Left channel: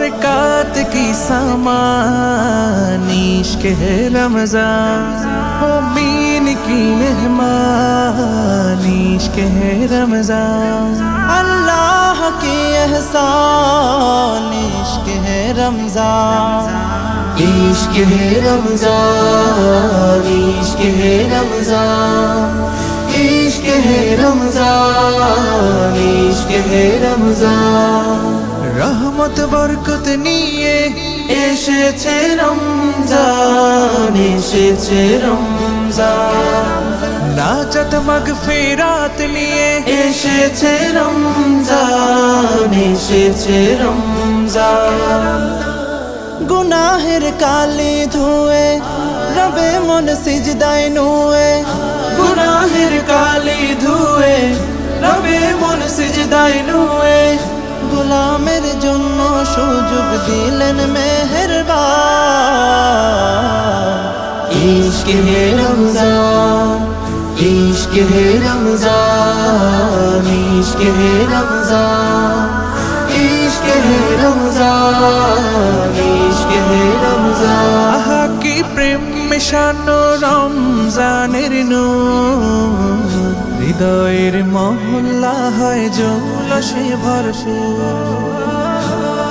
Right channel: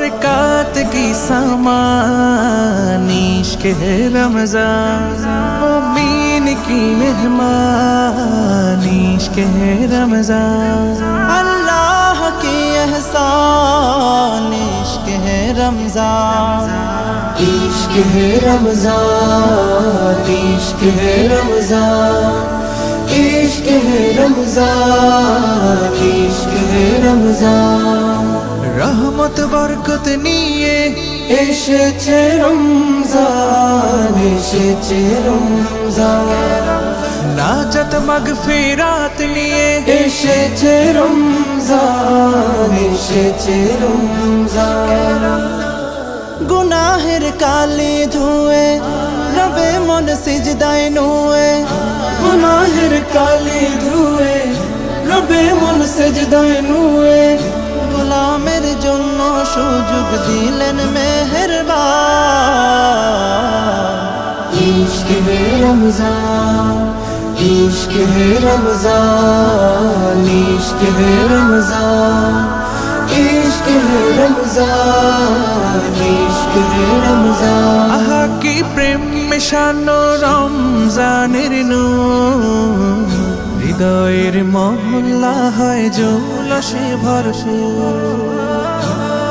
बरकत की सामान इश्क है रमज़ान, मोमिन की मेहमान इश्क है रमज़ान, अल्लाह की एहसान इश्क है रमज़ान, इश्क है रमज़ान, इश्क है रमज़ान, इश्क है रमज़ान, इश्क है रमज़ान। रहमत बरकत निये এসেছে রমজান, এসেছে রমজান, नाजत मगफिरात लिए এসেছে রমজান, এসেছে রমজান। गुनाहेर काले धुए रबे मन सिजदाय नुए, গুনাহের কালি ধুয়ে রবে মন সিজদায় নুয়ে, गुलामेर जन्नो सुजुग दिलेन मेहरबान इश्क है रमज़ान, इश्क है रमज़ान, इश्क है रमज़ान, इश्क है रमज़ान, इश्क है रमज़ान। आहा की प्रेम मिशानो रमजानेर नूर, हृदयेर महल्ला हय जौलसे भरपूर,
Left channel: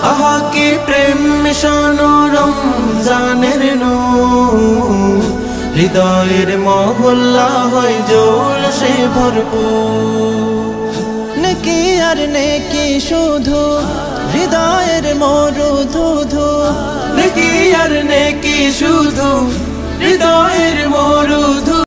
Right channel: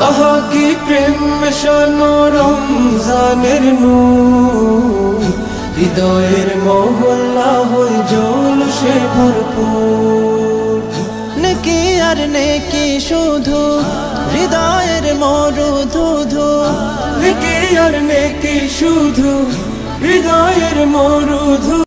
आहा की प्रेम मिशानो रमज़ानेर नूर, হৃদয়ের মহল্লা হয় জৌলসে ভরপুর। नेकी आर नेकी शुधु हृदयेर मरुधुधु, নেকি আর নেকি শুধু হৃদয়ের মরুধু।